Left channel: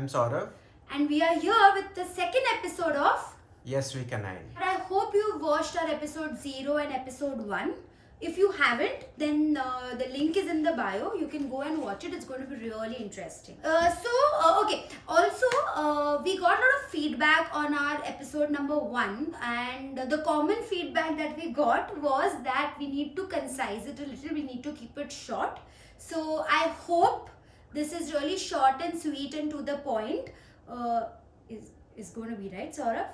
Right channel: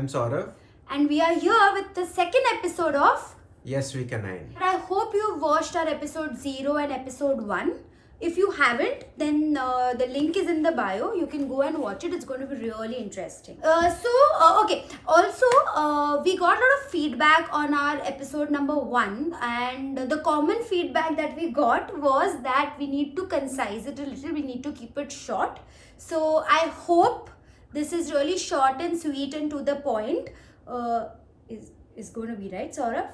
I'm Saurav. And we are here with the second episode of Yes, we canine. I hope you've watched our episode 0 and episode 1. If you haven't, then the link is in the bio. You can go and watch it. It's going to be really interesting. Okay. Also, we got a lot of feedback on our episode number 1, and the common feedback that we got was that we need to concise it a little. We need to keep it short. So I hope this is really short and sweet and to the point. Is going to be right, Saurav?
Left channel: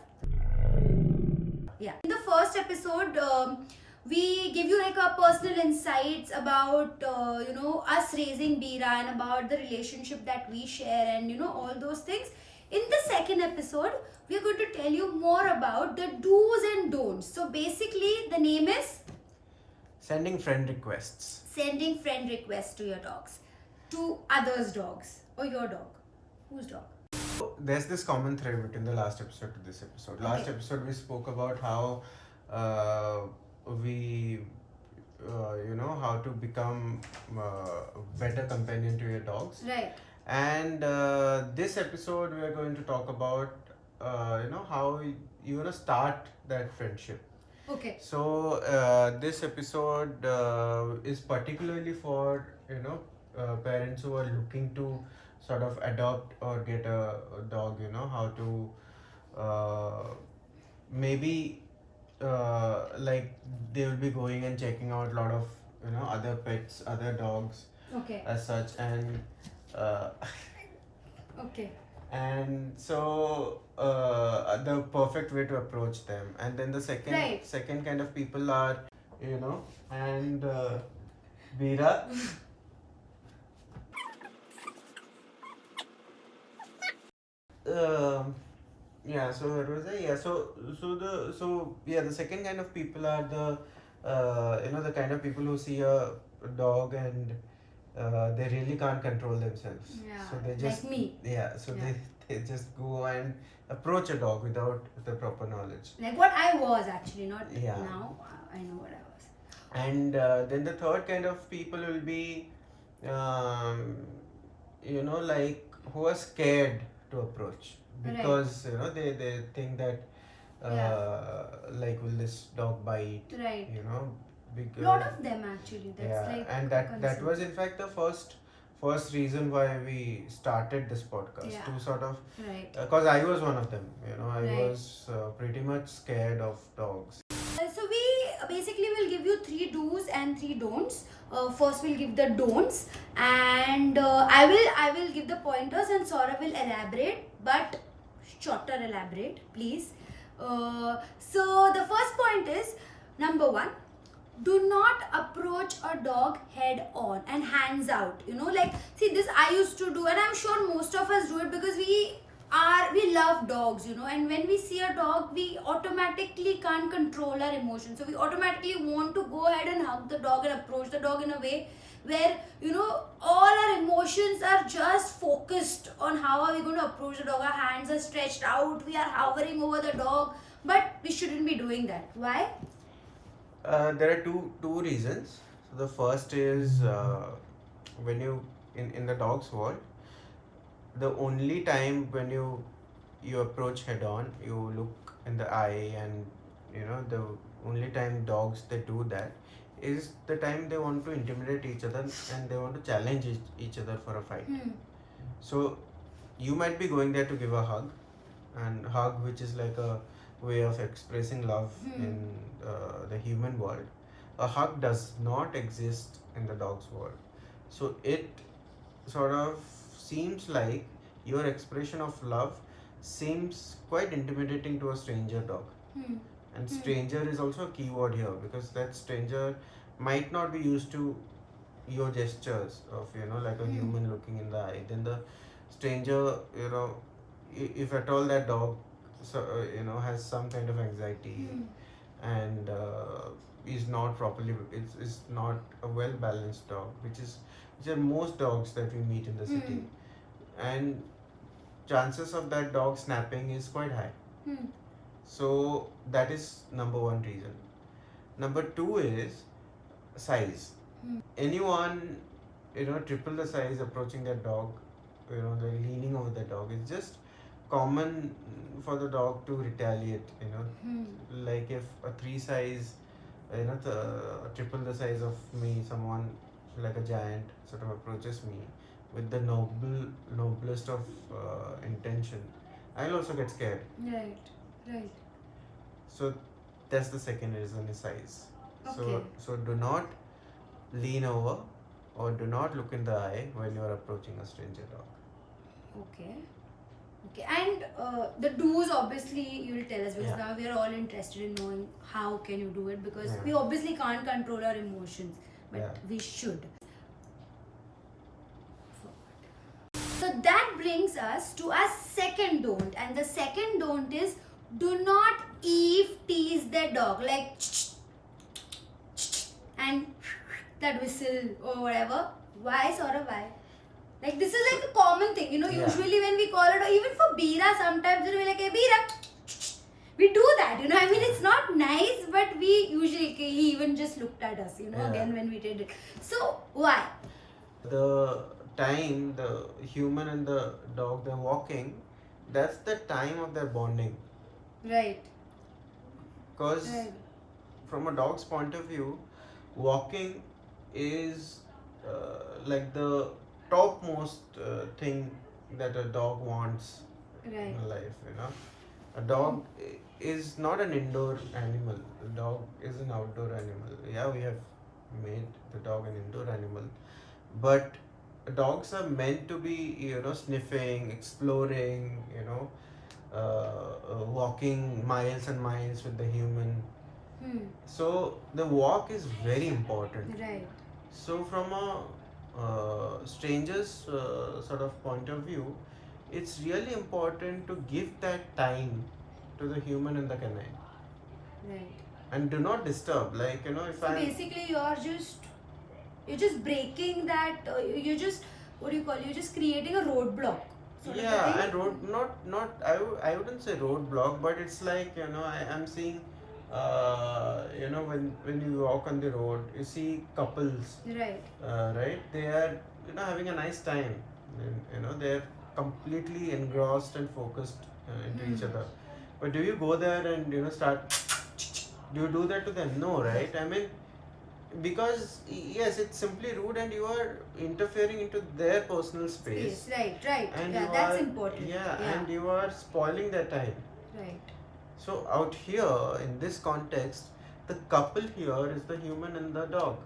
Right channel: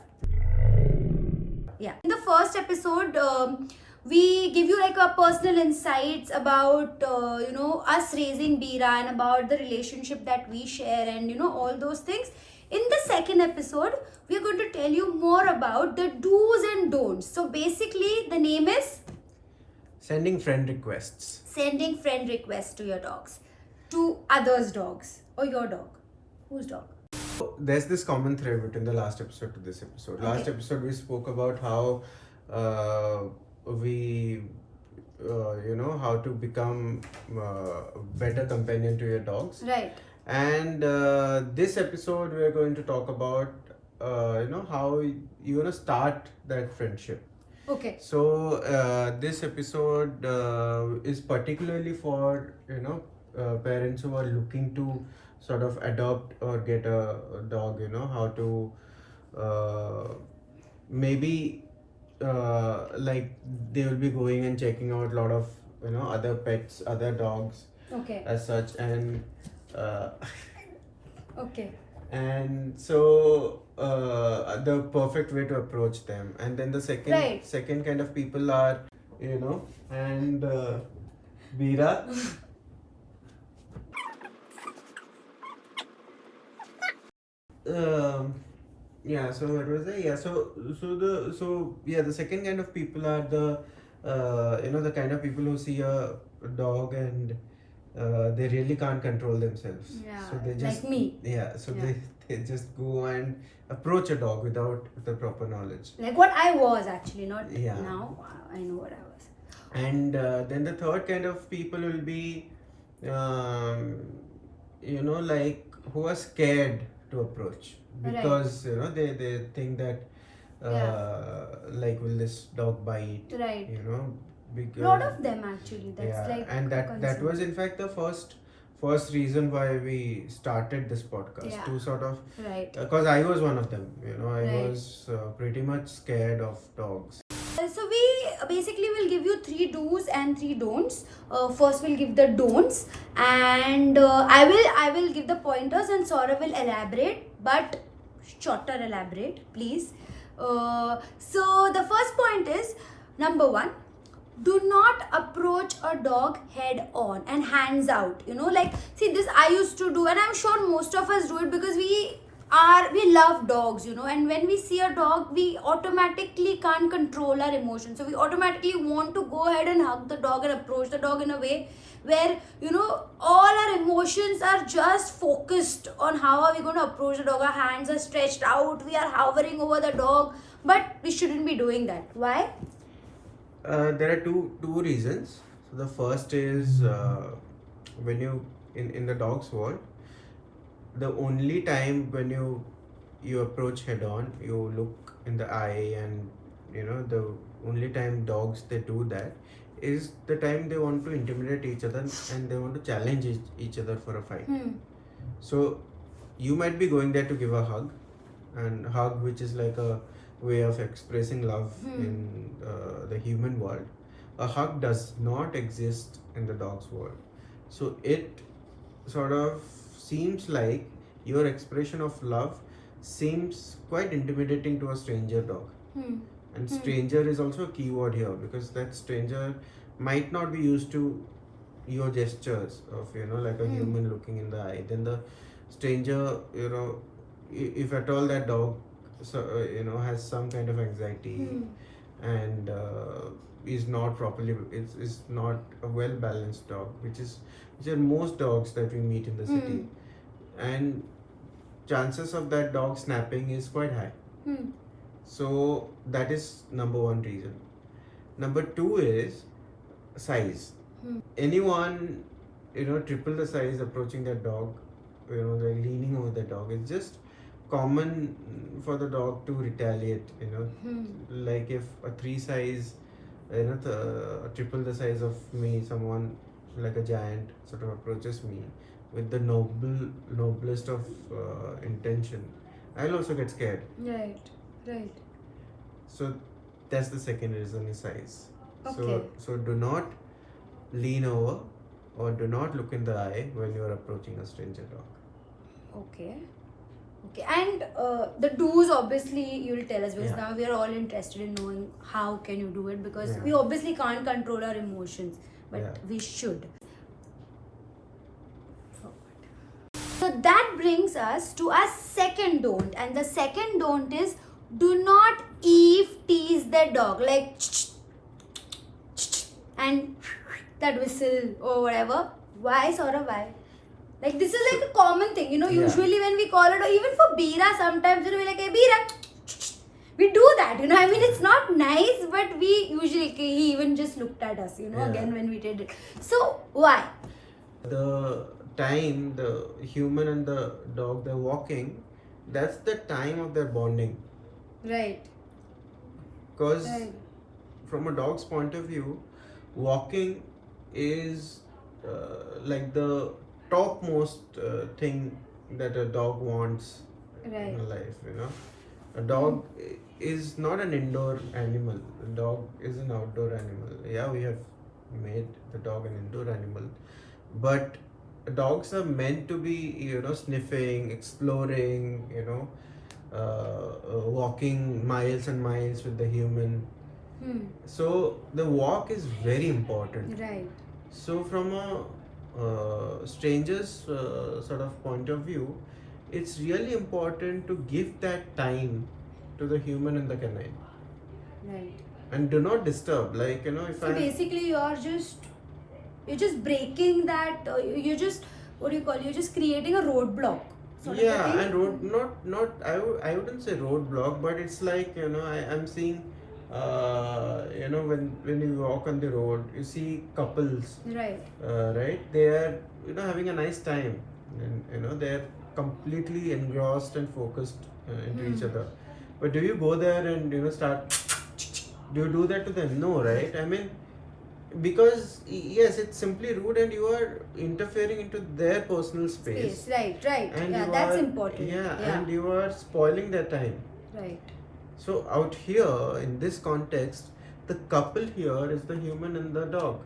Yeah. In the first episode, we give you like our personal insights about us raising Bira and about the relationship that we share and all those things. In the second episode, we're going to tell you more about the do's and don'ts. So basically, the name is Sending friend requests. sending friend requests to your dogs, to others' dogs or your dog. Whose dog? So, there's this common thread between the last episode to this episode. Last Okay. episode we spoke about how we how to become a better companion to your dogs. Right. And this episode we are going to talk about how you're going to start that friendship. Okay. So this episode is particularly for parents who are looking to sort of adopt or get a dog. How to maybe like they will be going and checking out a lot of other pets, other dogs Okay. as such, and Okay. and so the perfect way to approach them. And then the second Right. second kind of people are and Veera. Yeah, so what was it? Yeah, the second kind of people are the the kind of people who see a dog and they really can't control themselves. Yeah, So they just like me. Yeah, so Yeah. they just go and approach a dog without the proper knowledge. Like what I was actually, not Yeah. now. I know what I was. And then the third kind of people will be like who are scared to approach Right. because they think that like will this dog bite, Right. because Lot of them actually. That's yeah, like and that concern. was in fact the first reason why we started this podcast, Yeah. to sort of Right. because I was one of them. I Right. was pretty much scared of dogs. So we basically will give you 3 do's and 3 don'ts. First we'll give the don'ts, and I will give the pointers, and Saurav will elaborate, but shorter elaborate, please. So the first point is number 1. Do not approach a dog head on and hands out. Like, see, this I used to do, and I'm sure most of us do it because we love dogs, and when we see a dog, we automatically can't control our emotions. So we automatically want to go ahead and hug the dog and approach the dog in a way where, all our emotions are just focused on how are we going to approach the dog. Our hands are stretched out, we are hovering over the dog, but we shouldn't be doing that. Why? There are two reasons. So the first is when you in the dog's world, the only time when you approach head on, you look in the eye, and the only time dogs they do that is the time they want to intimidate each other and they want to challenge each other for a fight. So you might be going there to give a hug, and hug, which is like a way of expressing love in the human world. A hug does not exist in the dog's world. So it sort of seems like your expression of love seems quite intimidating to a stranger dog. And stranger is also a key word here, because that stranger might not be used to your gestures of like a human looking in the eye. Then the stranger, if at all that dog has some kind of anxiety and is not properly, is not a well balanced dog, which are most dogs that we meet in the city, and chances of that dog snapping is quite high. So that is number one reason. Number two is size. Anyone triple the size approaching that dog like leaning over the dog. It's just common for the dog to retaliate. Like if a 3 size, triple the size of me, someone like a giant sort of approaches me with the noblest of intention, I'll also get scared. Right. Right. So that's the second reason is size. Okay. So do not lean over or do not look in the eye when you are approaching a stranger dog. Okay. Okay. And the do's obviously you'll tell us because Yeah. now we are all interested in knowing how can you do it because Yeah. we obviously can't control our emotions, but Yeah. we should. So that brings us to our second don't, and the second don't is do not tease the dog like and that whistle or whatever. Why, Saurabh? Why? Like this is like a common thing, Yeah. Usually when we call it, or even for Bira, sometimes we're like, hey, Bira, we do that, I mean, it's not nice, but we usually, he even just looked at us, Yeah. again when we did it. So why? The time the human and the dog they're walking, that's the time of their bonding. Right. Because Right. from a dog's point of view, walking is like the topmost thing that a dog wants Right. in life. A dog is not an indoor animal. A dog is an outdoor animal. Yeah, we have made the dog an indoor animal, but dogs are meant to be sniffing, exploring, walking miles and miles with the human. So the walk is very important. Right. So from a stranger's sort of point of view, it's really important to give that time to the human and the canine, Right. and do not disturb. Like if So I basically, you're just breaking that. You're just you're just creating a roadblock. Sort of a thing. and not I wouldn't say roadblock, but it's like I'm seeing when you walk on the road, you see couples, Right. right? They are having a nice time, and they're completely engrossed and focused into each other. But do you go there and start? Do you do that to them? No, right? I mean, because yes, it's simply rude, and you are interfering into their personal space. Right. Right. And Yeah, you that's are, important. and you are spoiling their time. Right. So out here in this context, the couple here is the human and the dog.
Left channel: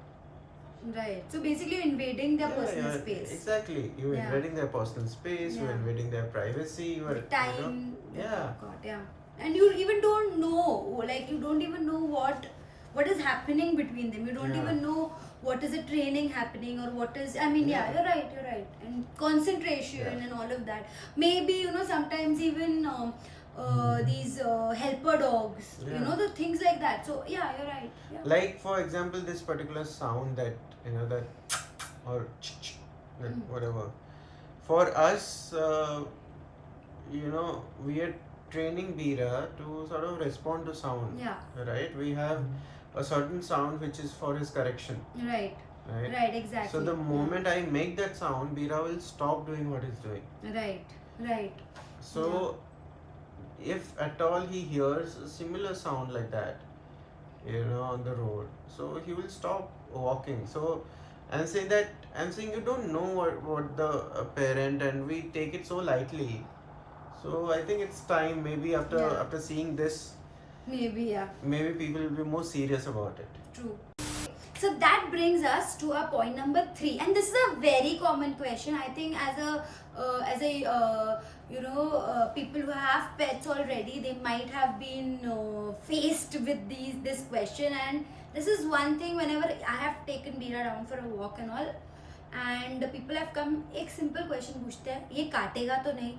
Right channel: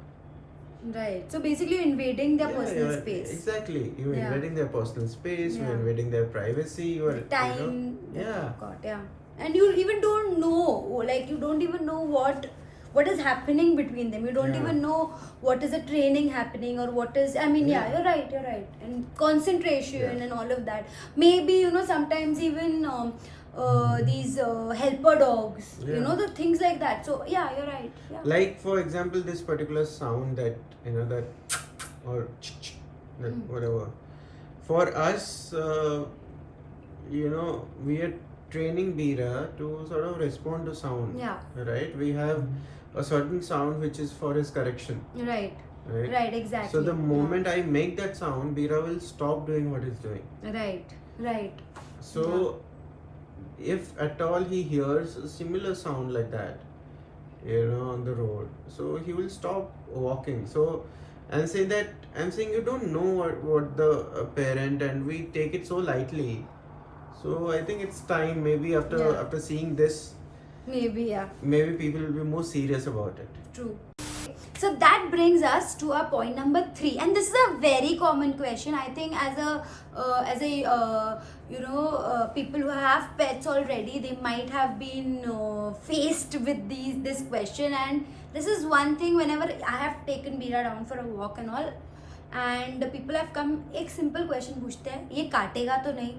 Right. So basically, you're invading their personal yeah, space. Exactly. You're Yeah. invading their personal space. You're Yeah. invading their privacy. You are Time. yeah. God, yeah. And you even don't know, like you don't even know what is happening between them. You don't Yeah. even know what is the training happening or what is. I mean, yeah, Yeah. you're right. And concentration Yeah. and all of that. Maybe sometimes even these helper dogs. Yeah. The things like that. So yeah, you're right. Yeah. Like for example, this particular sound that that or that whatever. For us, we are training Bira to sort of respond to sound. Yeah. Right. We have a certain sound which is for his correction. Right. Right. Right. Exactly. So the moment I make that sound, Bira will stop doing what he's doing. Right. Right. So, if at all he hears a similar sound like that, on the road, so he will stop walking. So, I'm saying you don't know what the parent, and we take it so lightly. So I think it's time. Maybe after seeing this, Maybe yeah. maybe people will be more serious about it. True. So that brings us to our point number 3, and this is a very common question. I think as a people who have pets already, they might have been faced with this question, and this is one thing. Whenever I have taken Bira down for a walk and all, and the people have come, एक simple question पूछते हैं, ये काटेगा तो नहीं?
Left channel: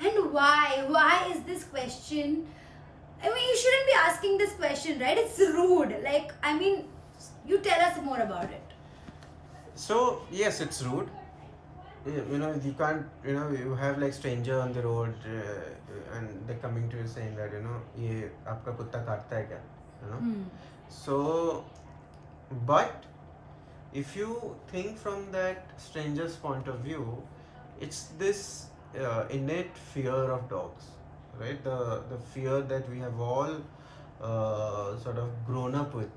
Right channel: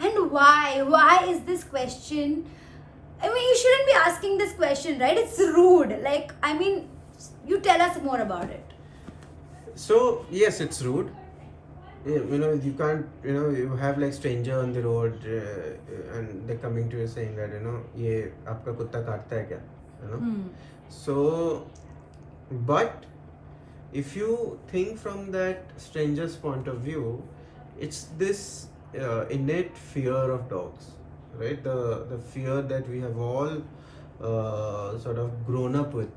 And why is this question? I mean, you shouldn't be asking this question, right? It's rude. Like, I mean, you tell us more about it. So yes, it's rude. You can't. You have like stranger on the road, and they're coming to you saying that ये आपका कुत्ता काटता है क्या? So, but if you think from that stranger's point of view, it's this innate fear of dogs, right? The fear that we have all sort of grown up with.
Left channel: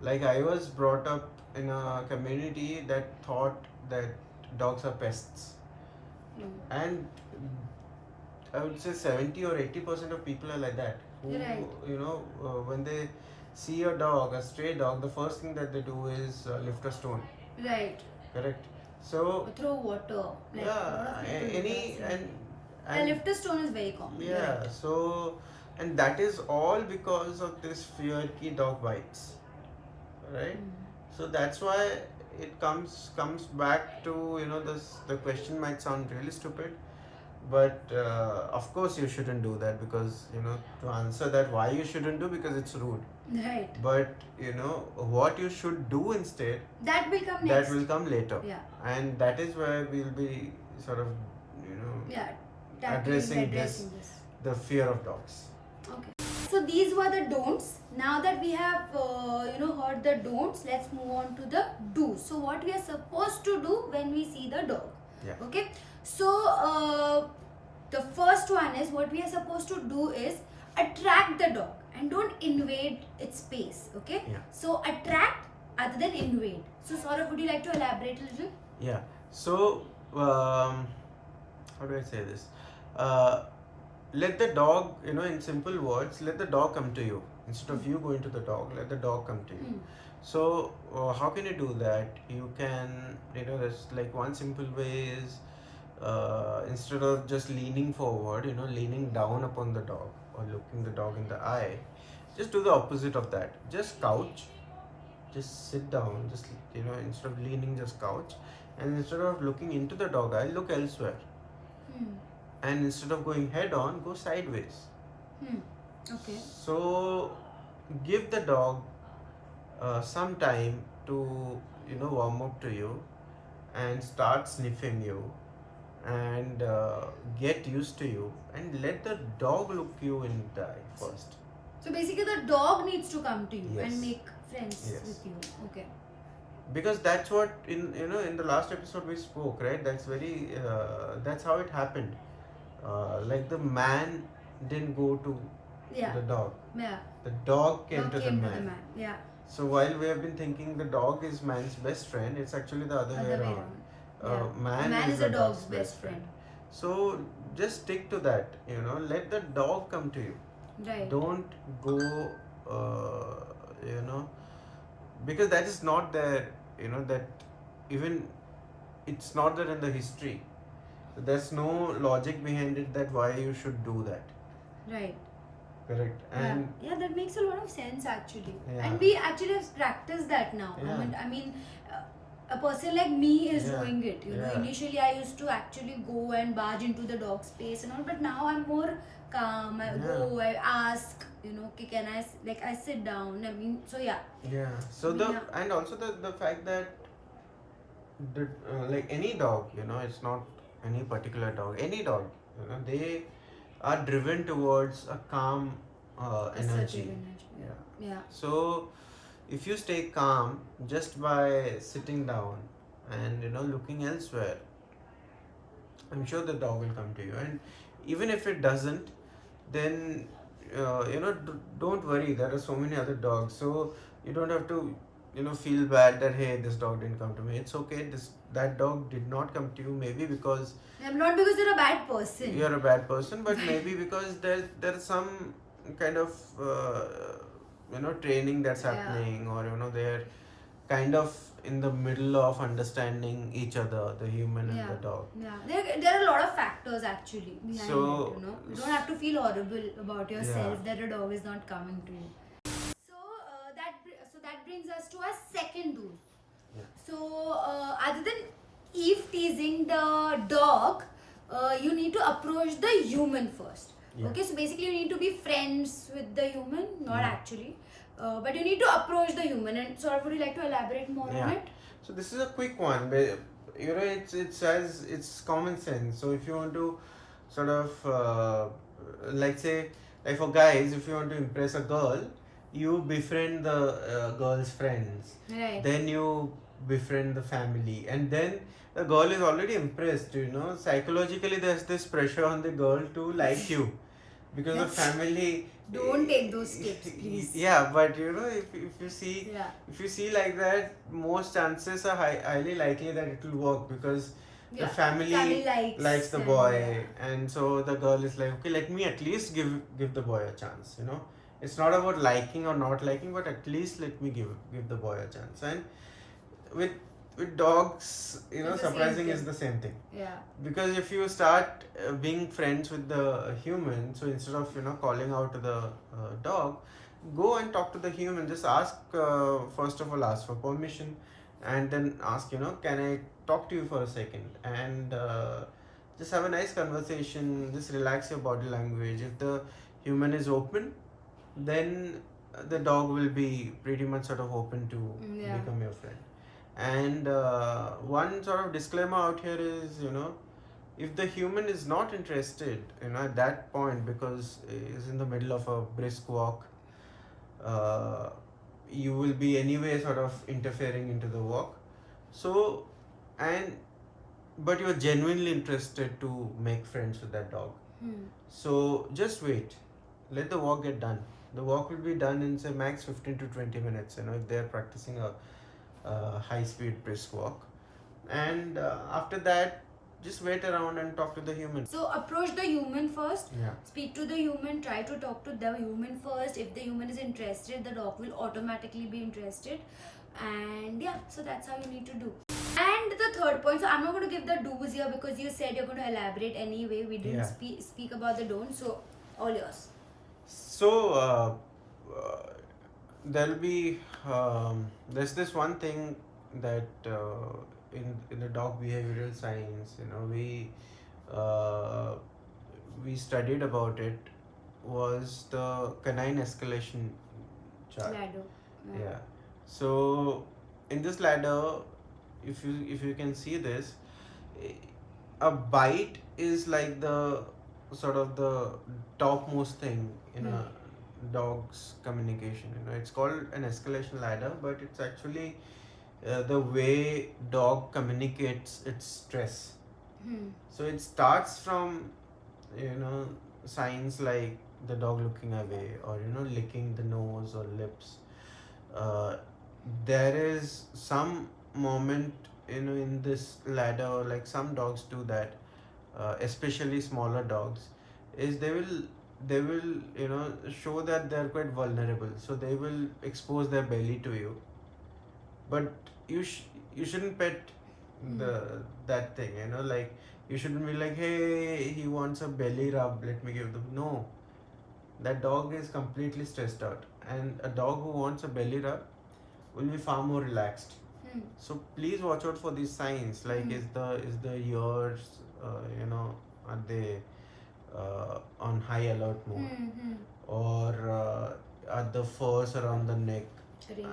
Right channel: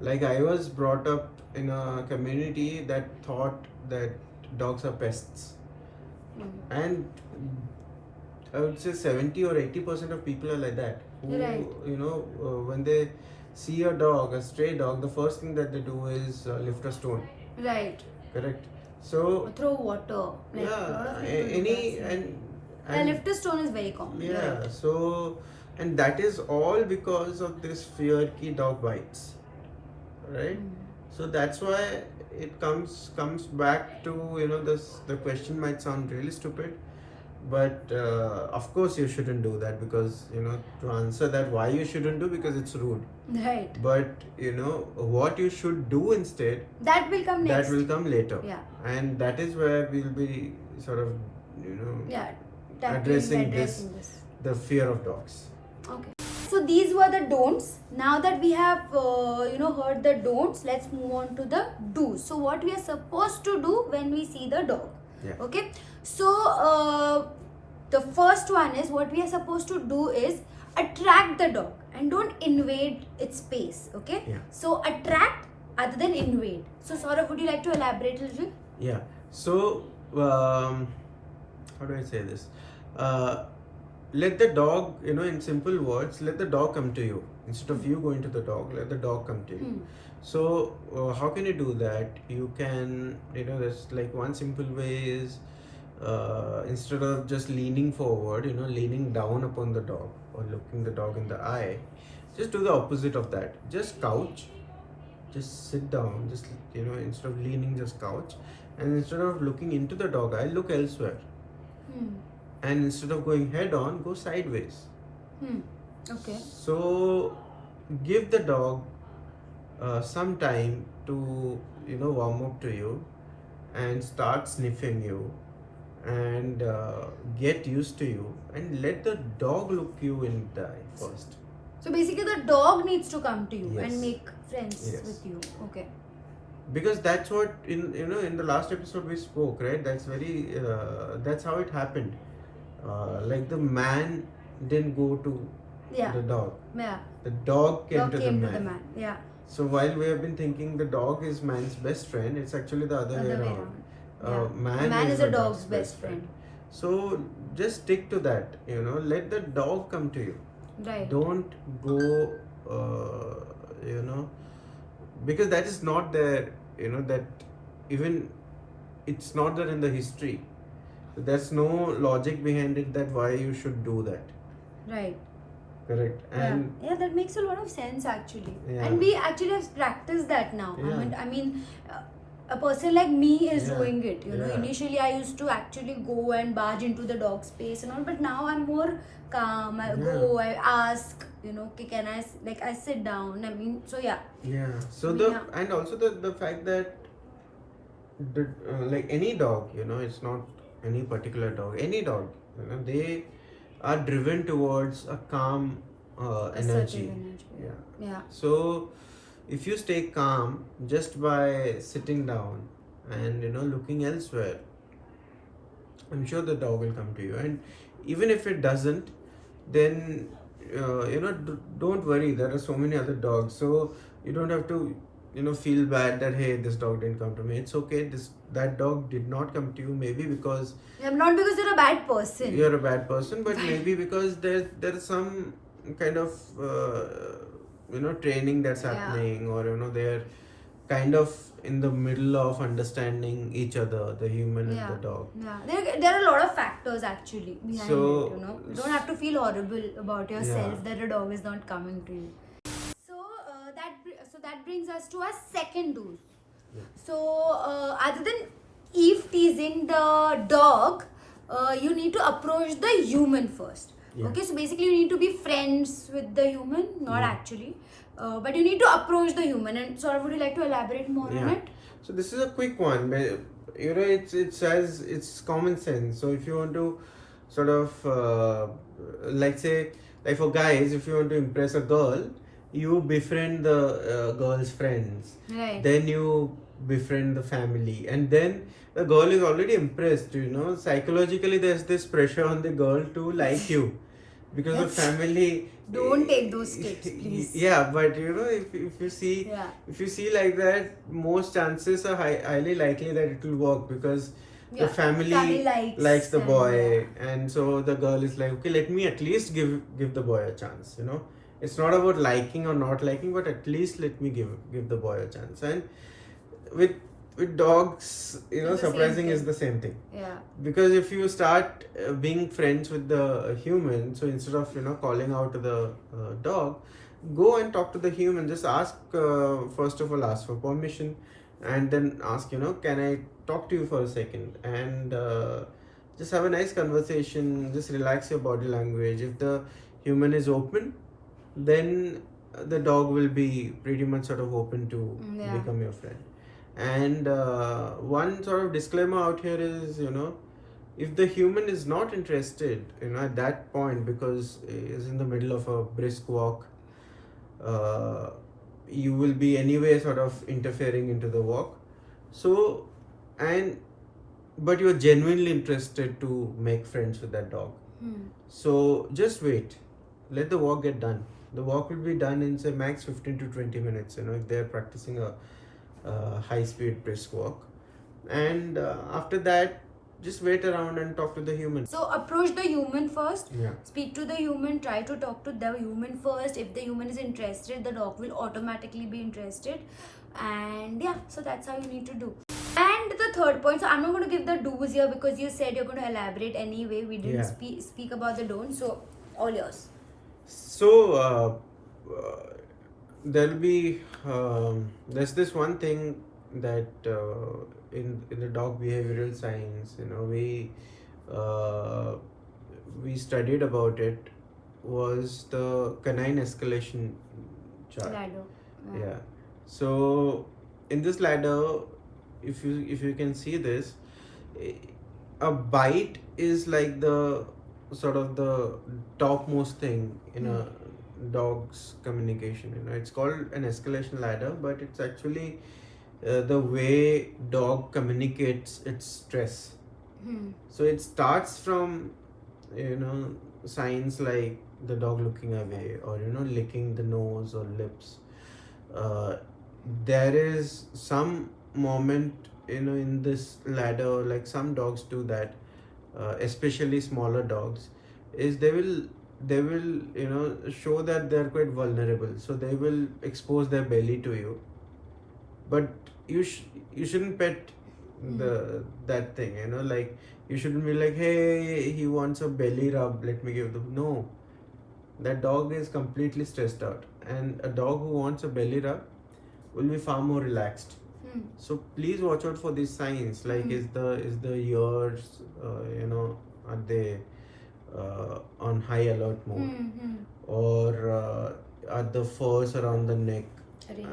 Like I was brought up in a community that thought that dogs are pests, and I would say 70 or 80% of people are like that. Who, Right. you know, when they see a dog, a stray dog, the first thing that they do is lift a stone. Right. Correct. So Throw water. Like a lot yeah, of people do any that, yeah. and A lifter stone is very common. yeah. Right. So and that is all because of this fear ki dog bites, right? So that's why it comes back to, you know, the question might sound really stupid, but of course you shouldn't do that, because, you know, to answer that why you shouldn't do, because it's rude. Right. But you know what you should do instead, That will come next. that will come later. Yeah. And that is where we'll be sort of, you know, Yeah. addressing this. the fear of dogs. Okay. So these were the don'ts. Now that we have heard the don'ts, let's move on to the do's. So what we are supposed to do when we see the dog. Yeah. Okay. So the first one is, what we are supposed to do is attract the dog and don't invade its space. Okay. Yeah. So attract other than invade. So Saurabh, would you like to elaborate a little? Yeah. So how do I say this? Let the dog, you know, in simple words, let the dog come to you instead of you going to the dog. Let the dog come to you. So how can you do that? You can, you know, there's like one simple way is, instead of just leaning forward, you know, leaning down upon the dog or looking the dog in the eye, just do the opposite of that. Just couch, just sit down, just, you know, instead of leaning, just couch, and instead of looking into the dog eye, look elsewhere. And instead of going head on, go sideways. Okay. So give the dog some time to, you know, warm up to you and start sniffing you and get used to you, and let the dog look you in the eye first. So basically, the dog needs to come to you Yes. and make friends Yes. with you. Okay. Because that's what in the last episode we spoke, right? That's very that's how it happened. Like the man didn't go to Yeah. the dog. Yeah. The dog came, Dog to, came the to man. the man. Yeah. So while we have been thinking the dog is man's best friend, it's actually the other way around. Yeah. Man is the a dog's best friend. So just stick to that. You know, let the dog come to you. Right. Don't go. Because that is not there. You know, that even it's not there in the history. There's no logic behind it that why you should do that. Right. Correct. And yeah, that makes a lot of sense actually. Yeah. And we actually have practiced that now. Yeah. I mean, a person like me is Yeah. doing it. You know, Yeah. initially I used to actually go and barge into the dog space and all, but now I'm more calm. I Yeah. go, I ask. You know, okay, can I sit down? I mean, so yeah. yeah. So and also the fact that like any dog, you know, it's not any particular dog. Any dog, you know, they are driven towards a calm A certain energy. energy. Yeah. Yeah. So if you stay calm just by sitting down and, you know, looking elsewhere, I'm sure the dog will come to you. And even if it doesn't, then don't worry. There are so many other dogs, so you don't have to, you know, feel bad that hey, this dog didn't come to me. It's okay. That dog did not come to you. Maybe because Not because you're a bad person. you're a bad person, but maybe because there's some kind of training that's Yeah. happening, or you know, they're kind of in the middle of understanding each other, the human and the dog. Yeah, there are a lot of factors actually behind So, it. You know, you don't have to feel horrible about yourself Yeah. that a dog is not coming to you. So that brings us to our second rule. Yeah. So other than Eve teasing the dog, you need to approach the human first. Yeah. Okay, so basically you need to be friends with the human, not Yeah. actually, but you need to approach the human. And so, would you like to elaborate more on Yeah. it? So this is a quick one, but you know, it's common sense. So if you want to sort of like for guys, if you want to impress a girl, you befriend the girl's friends. Right. Then you befriend the family, and then the girl is already impressed, you know. Psychologically, there's this pressure on the girl to like you because of family. Don't take those tips, please. Yeah, but you know, if you see, Yeah. if you see like that, most chances are highly likely that it will work because the Yeah, family, family likes the them, boy, and so the girl is like, okay, let me at least give the boy a chance. You know, it's not about liking or not liking, but at least let me give the boy a chance. And with dogs, you know, It's the same surprising is thing. the same thing. Yeah. Because if you start being friends with the human, so instead of, you know, calling out to the dog, go and talk to the human. Just ask, first of all, ask for permission, and then ask, you know, can I talk to you for a second? And just have a nice conversation. Just relax your body language. If the human is open, then the dog will be pretty much sort of open to Yeah. become your friend. And one sort of disclaimer out here is, you know, if the human is not interested, you know, at that point, because is in the middle of a brisk walk, you will be anyway sort of interfering into the walk. So, and but you're genuinely interested to make friends with that dog. So just wait, let the walk get done. The walk will be done in say max 15 to 20 minutes, you know, if they're practicing a high speed brisk walk. And after that, just wait around and talk to the human. So approach the human first. Yeah. Speak to the human. Try to talk to the human first. If the human is interested, the dog will automatically be interested. And yeah, so that's how you need to do. And the third point, so I'm not going to give the do's here because you said you're going to elaborate anyway. We didn't Yeah. speak about the don'ts. So all yours. So there'll be there's this one thing that in the dog behavioral science, you know, we studied about it, was the canine escalation chart. Ladder. Yeah. So in this ladder, if you can see this, a bite is like the sort of the topmost thing in a dog's communication. You know, it's called an escalation ladder, but it's actually the way dog communicates its stress. So it starts from, you know, signs like the dog looking away, or, you know, licking the nose or lips. There is some moment, you know, in this ladder, like some dogs do that, especially smaller dogs, is they will you know, show that they're quite vulnerable, so they will expose their belly to you, but you shouldn't pet that thing, you know, like you shouldn't be like, hey, he wants a belly rub, let me give them. No, that dog is completely stressed out, and a dog who wants a belly rub will be far more relaxed. So please watch out for these signs, like is the ears, you know, are they on high alert mode, or are the furs around the neck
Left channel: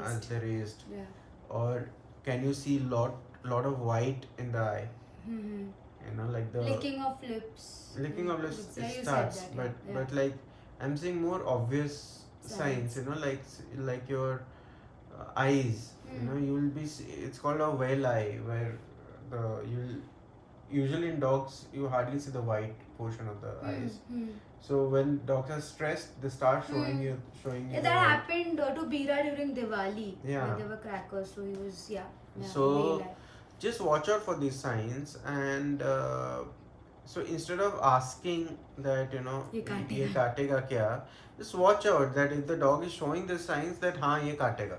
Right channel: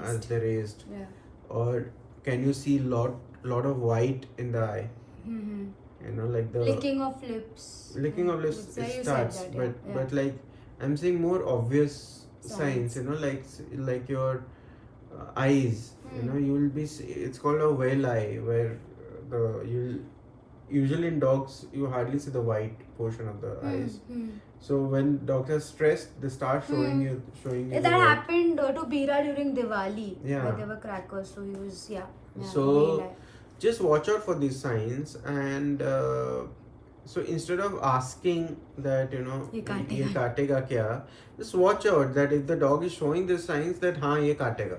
as they raised, Yeah. or can you see lot of white in the eye, you know, like the Licking of lips. licking of lips, So it you said starts, that, but yeah. but like I'm seeing more obvious signs, Signs. you know, like your eyes, you know, you will be it's called a whale eye, where you usually in dogs you hardly see the white portion of the eyes. So when dogs are stressed, they start showing you That the white. happened to Bira during Diwali. Yeah. Where there were crackers, so he was So just watch out for these signs, and so instead of asking that, you know, ये ye काटेगा क्या, just watch out that if the dog is showing the signs that हाँ ये काटेगा.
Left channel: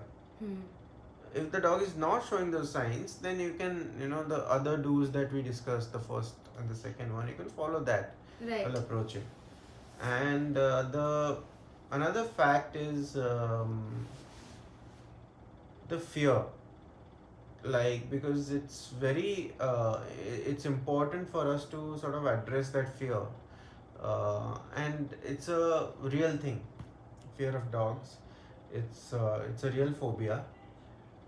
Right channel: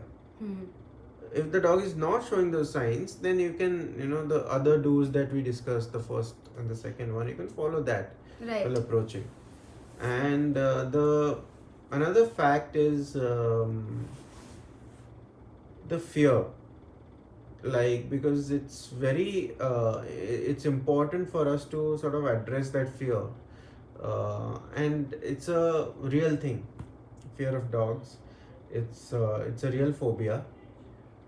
If the dog is not showing those signs, then you can, you know, the other do's that we discussed, the first and the second one, you can follow that Right. while approaching. And the another fact is the fear, like, because it's very it's important for us to sort of address that fear, and it's a real thing. Fear of dogs, it's a real phobia.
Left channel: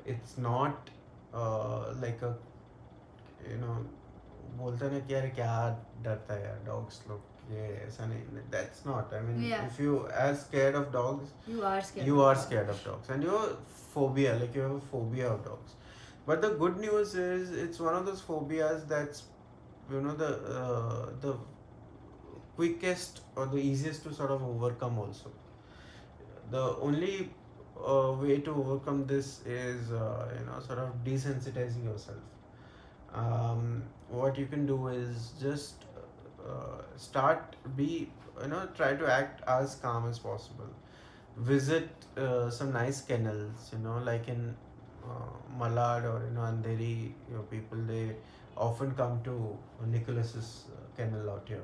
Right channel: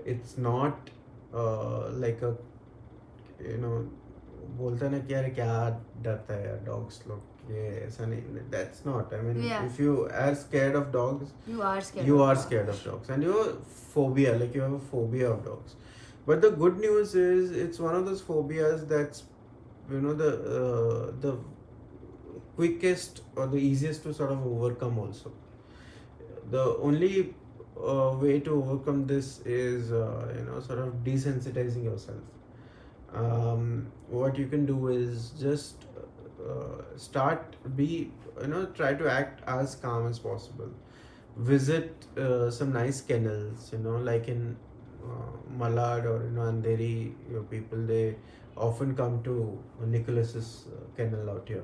It's not like a, you know, बोलते हैं ना कि यार क्या डरता है यार dogs लोग, ये ऐसा नहीं, that's not, I mean, Yeah. if you are scared of dogs, You are scared. you of are dogs. scared of dogs, and your phobia, like you have a phobia of dogs. But the good news is it's one of those phobias that's, the quickest or the easiest to sort of overcome also. The only way to overcome this is sort of desensitizing yourself. What you can do is just try to act as calm as possible. Visit some nice kennels, like in Malad or Andheri, people, they often come to Nicholas's kennel out here.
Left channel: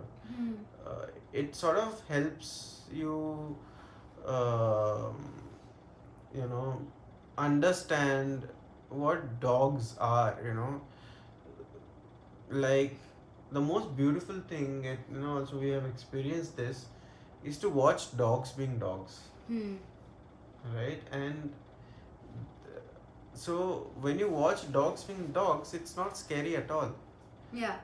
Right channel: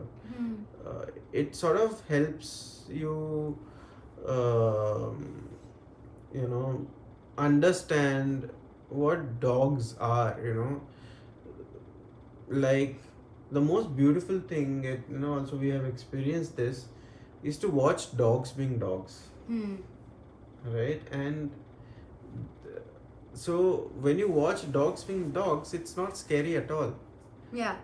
It sort of helps you understand what dogs are. Like, the most beautiful thing, also we have experienced this, is to watch dogs being dogs, right? And so when you watch dogs being dogs, it's not scary at all. Yeah.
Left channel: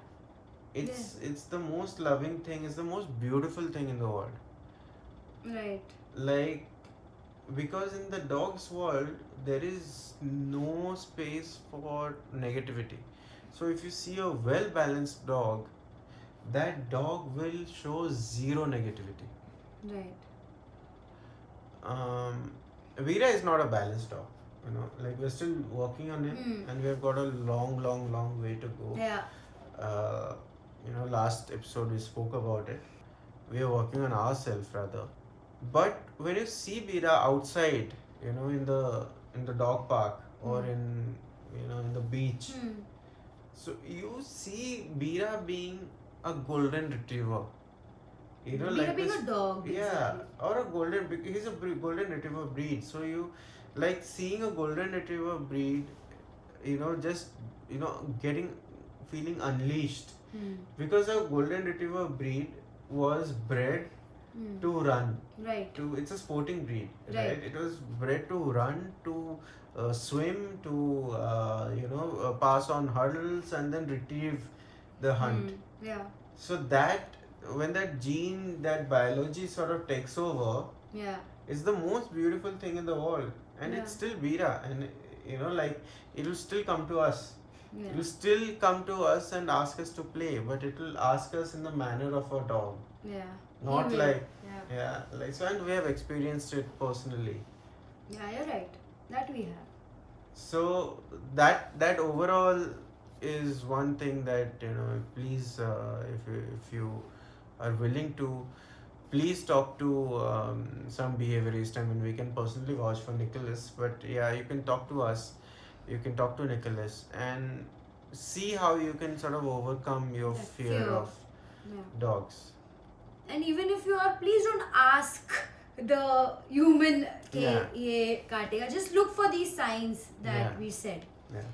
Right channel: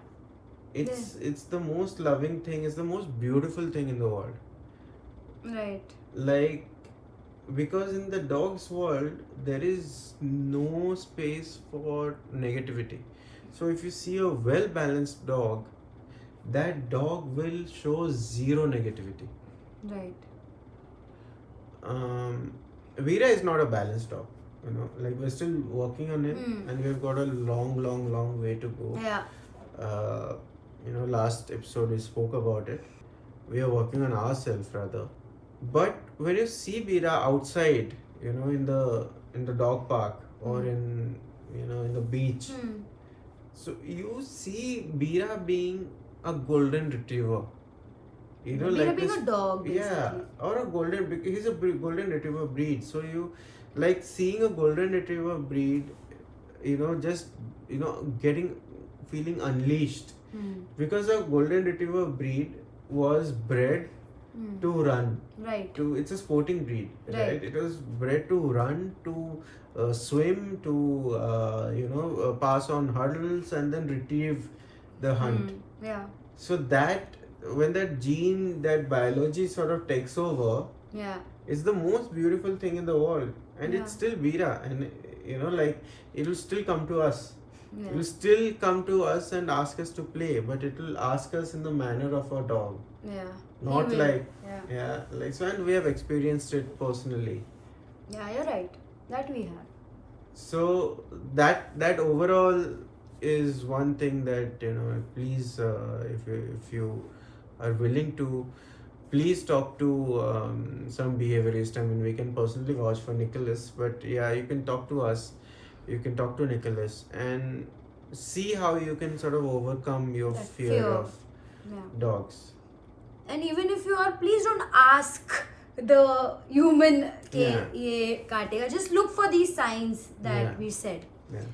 It's the most loving thing, it's the most beautiful thing in the world. Right. Like, because in the dog's world there is no space for negativity. So if you see a well balanced dog, that dog will show zero negativity. Right. Veera is not a balanced dog, like we're still working on him, and we've got a long way to go. Yeah. Last episode we spoke about it. We are working on ourselves rather. But when you see Veera outside, in the dog park or in the beach, so you see Veera being a golden retriever. Like being a dog, basically. Yeah, or a golden. He's a golden retriever breed. So you like seeing a golden retriever breed, just feeling unleashed, because a golden retriever breed was bred to run. Right. It's a sporting breed, right? It was bred to run, to swim, to pass on hurdles and then retrieve the hunt. Yeah. So that when that gene, that biology sort of takes over, Yeah. it's the most beautiful thing in the world, and it's still Veera, and it will still come to us. Yeah. It will still come to us and ask us to play, but it will ask us in the manner of a dog. Yeah. Not He will. like, Yeah. like so, and we have experienced it personally. Yeah, you're right. That we have. So that overall is one thing that please, if you are willing to, please talk to some behaviorist. I mean, we can personally vouch for Nicholas, but yeah, you can talk to us. You can talk to Nicholas and see how you can sort of overcome your That fear of dogs. And even if you are, please don't ask the human Yeah. ye kaatega. Just look for these signs that Yeah. we said. Yeah.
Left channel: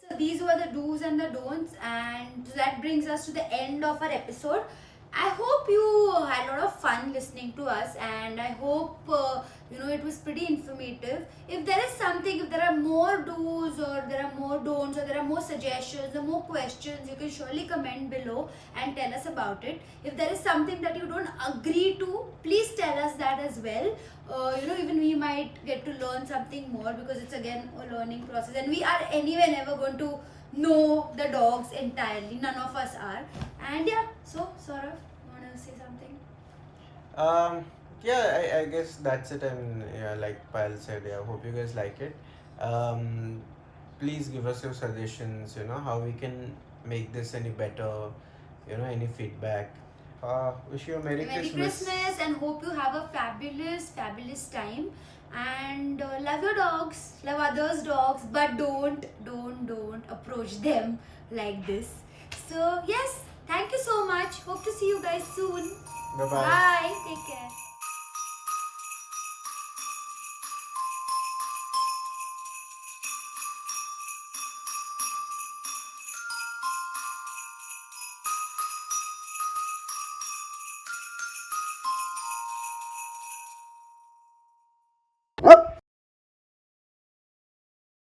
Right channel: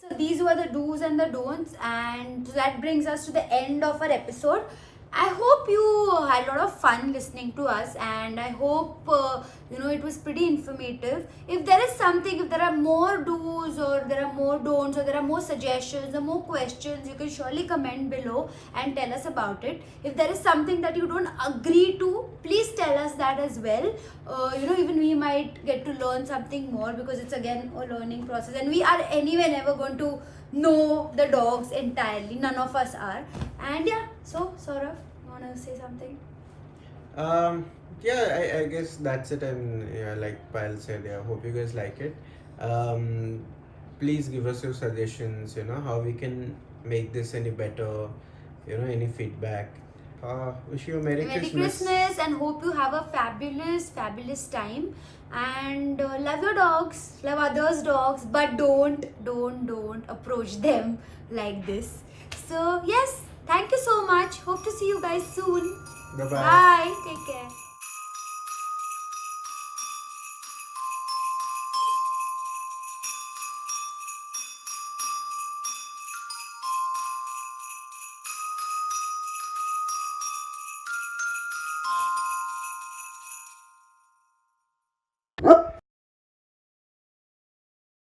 So these were the do's and the don'ts, and that brings us to the end of our episode. I hope you had a lot of fun listening to us, and I hope it was pretty informative. If there is something, if there are more do's or there are more don'ts or there are more suggestions or more questions, you can surely comment below and tell us about it. If there is something that you don't agree to, please tell us that as well. Even we might get to learn something more, because it's again a learning process, and we are anyway never going to know the dogs entirely. None of us are. And yeah, so Saurav, you want to say something? I guess that's it. And yeah, like Payal said, yeah, hope you guys like it. Please give us your suggestions, how we can make this any better, any feedback. Wish you a Merry Christmas. And hope you have a fabulous time. And love your dogs, love others' dogs, but don't approach them like this. So yes, thank you so much. Hope to see you guys soon. Bye-bye. Bye. Take care.